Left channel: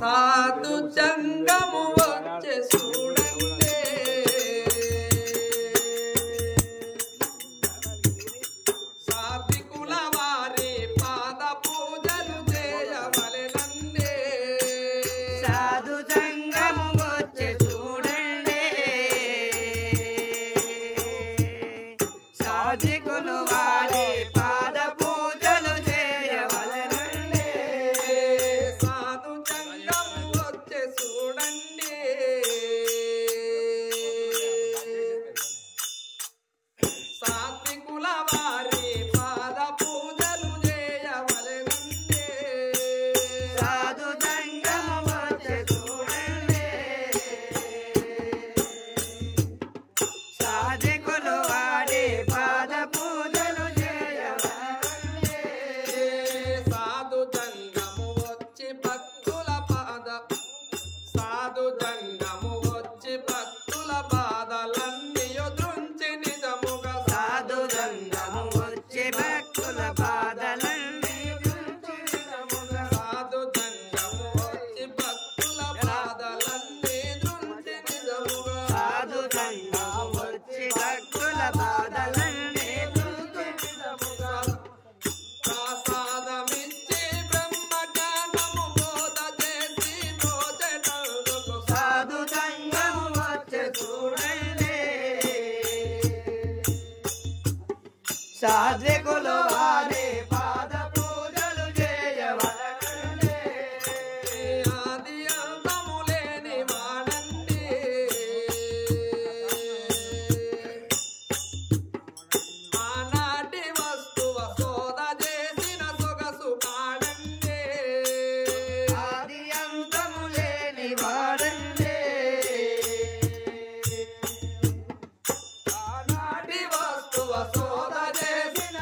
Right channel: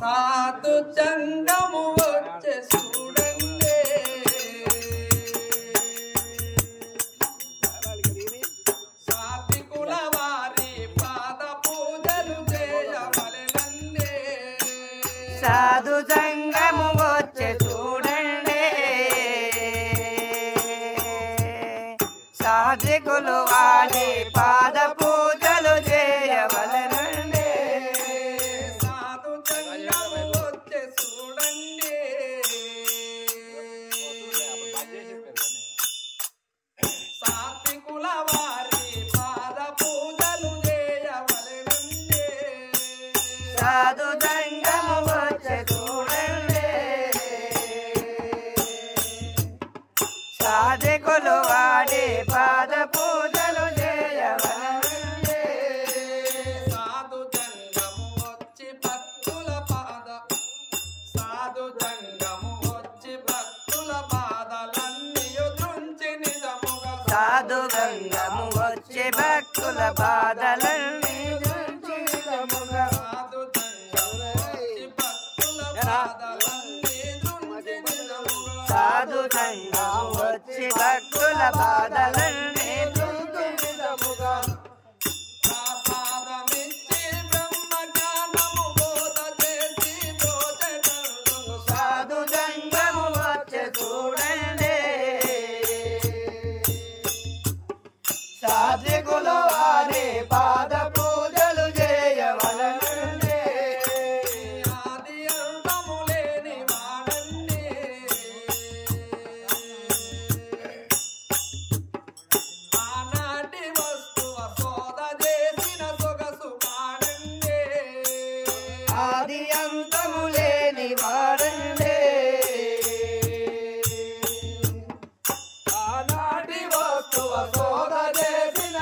సాధు జంగము వచ్చే చూడండి సాత్వికుల వారి పాద పూజలు చేయవలెనండి సాధు జంగము వచ్చే చూడండి సాత్వికులు వారి పాద పూజలు చేయవలెనండి సాధు జంగము వచ్చే చూడండి సాత్వికుల వారి పాద పూజలు చేయవలెనండి సాధు జంగము వచ్చే చూడండి సాధకులు వాడి పాద పూజలు చేయవలెనండి సాధు జంగము వచ్చి భక్తుల పాద సాధు జంగము వచ్చి భక్తుల పాదలన్నీ దృంచి నిజముగా సాధు గంగము వచ్చి భక్తుల బాధలన్నీ దృంచి నిజముగా సాధు జంగము వచ్చి భక్తుల పాదలన్నీ దృంచి నిజముగా సాధు గంగము వచ్చి భక్తుల బాధలన్నీ దృంచి నిజముగా ప్రసాదమిచ్చి బ్రహ్మ జ్ఞానము బోధ చేసి బ్రోచెటందుకు సాధు గంగము వచ్చి చూడండి సాత్వికులు వారి పాద పూజలు చేయవలెనండి ఆది అంతము లేని వాడండి ఆనాటి వస్తువ శోధ చేసిన సొగసు కాడండి ఆది అంతము లేని వాడండి ఆనాటి వస్తువ శోధ చేసిన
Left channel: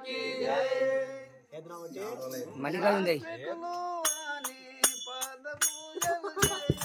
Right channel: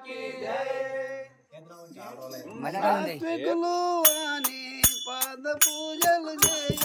की మల్లికార్జున పాద పూజలు చేయ